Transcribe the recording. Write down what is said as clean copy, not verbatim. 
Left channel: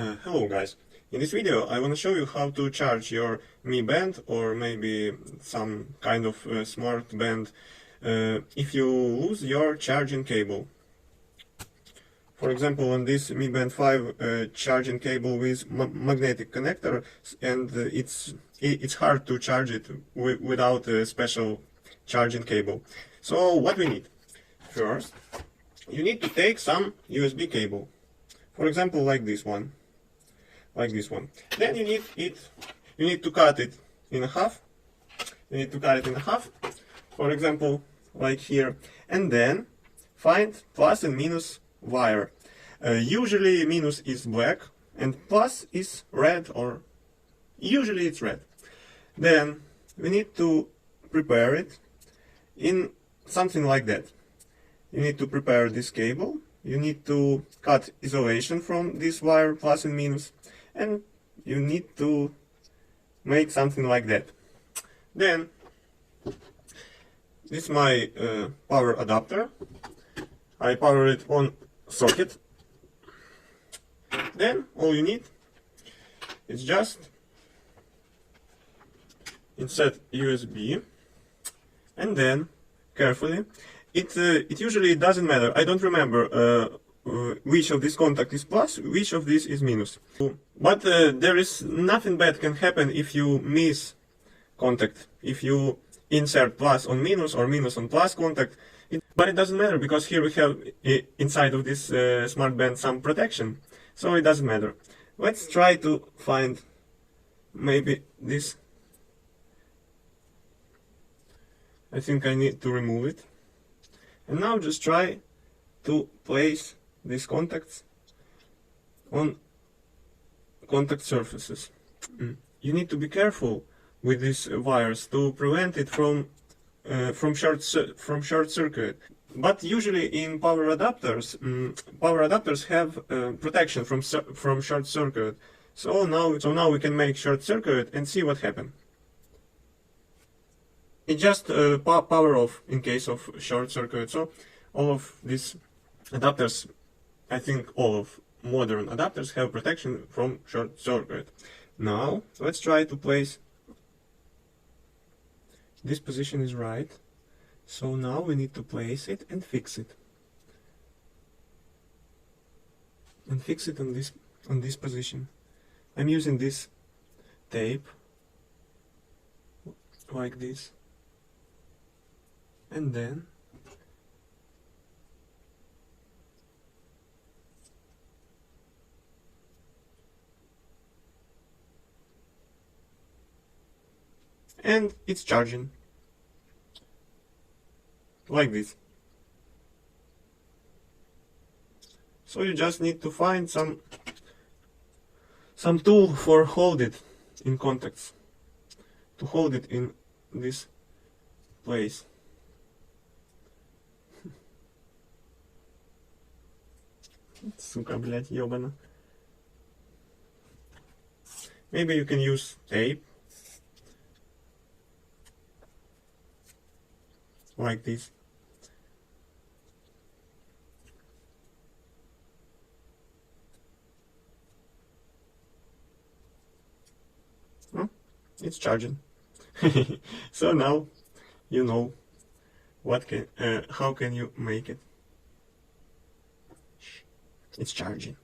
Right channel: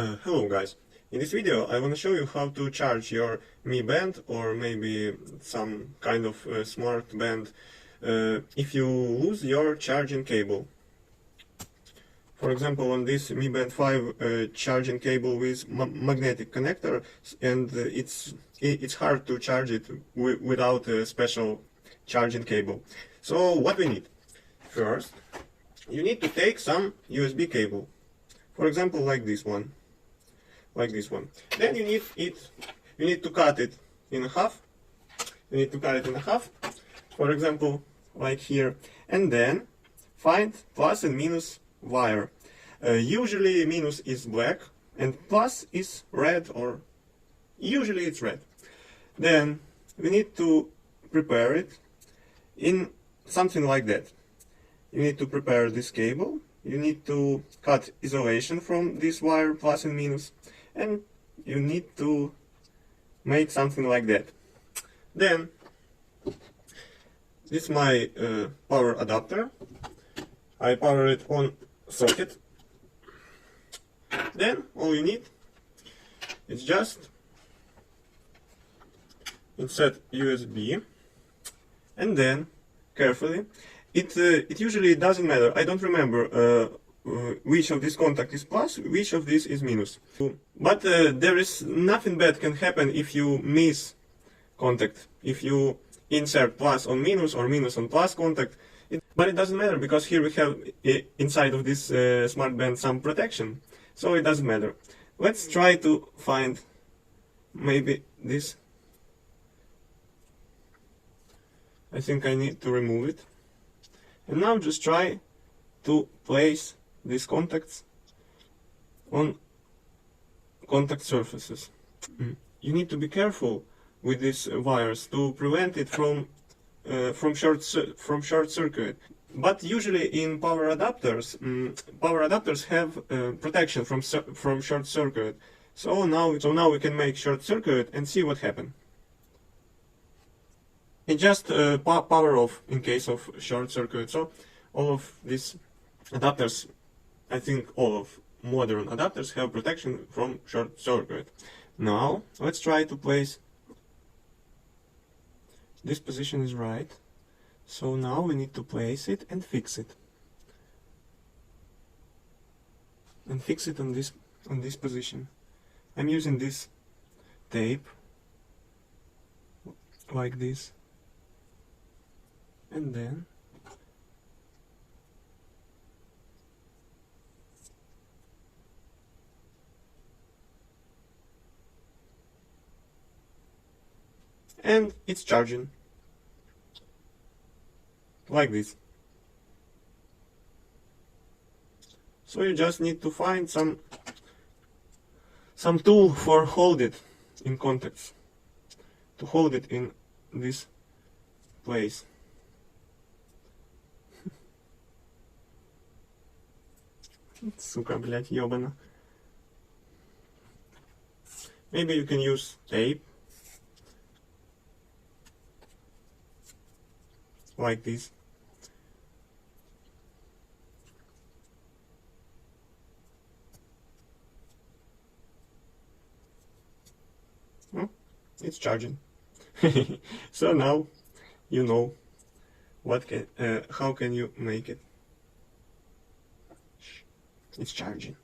Hello guys, in this video I want to show you how to charge your Mi Band or maybe some kind of smart band if you lose your charging cable. For example, on this Mi Band 5 charging cable with magnetic connector, and it's hard to charge it without a special charging cable. So what we need? First, you need to take some USB cable. For example, like this one. Then you need to cut it in half. For example, like here. And then find plus and minus wire. Usually minus is black and plus is red, or usually it's red. Then we need to prepare it in something like that. You need to prepare this cable. You need to cut isolation from this wire plus and minus, and you need to make something like that. Then this is my power adapter. I power it on socket. Then all you need is just insert USB, and then carefully. It usually doesn't matter. I don't remember which of this contact is plus, which of this is minus. But there is nothing bad can happen if you miss contact. If you insert plus on minus or minus on plus contact. But it doesn't matter, because here we have inside of this smart band some protection. So it doesn't matter. Let's try to find maybe this. I think I need to remove it. And now just try to place these contacts on contact surfaces. You need to be careful with these wires to prevent it from short circuit. But usually in power adapters have protection from short circuit. So now we can make short circuit and see what happens. It just power off in case of short circuit. So all of these adapters, I think all of modern adapters have protection from short circuit. Now let's try to place. This position is right. So now we need to place it and fix it. And fix it on this position. I'm using this tape like this. And then it's charging like this. So you just need to find some tool for hold it in contacts, to hold it in this place. Сука, блять, ёбана. Maybe you can use tape. Like this. Oh, it's charging. So now you know how can you make it. It's charging.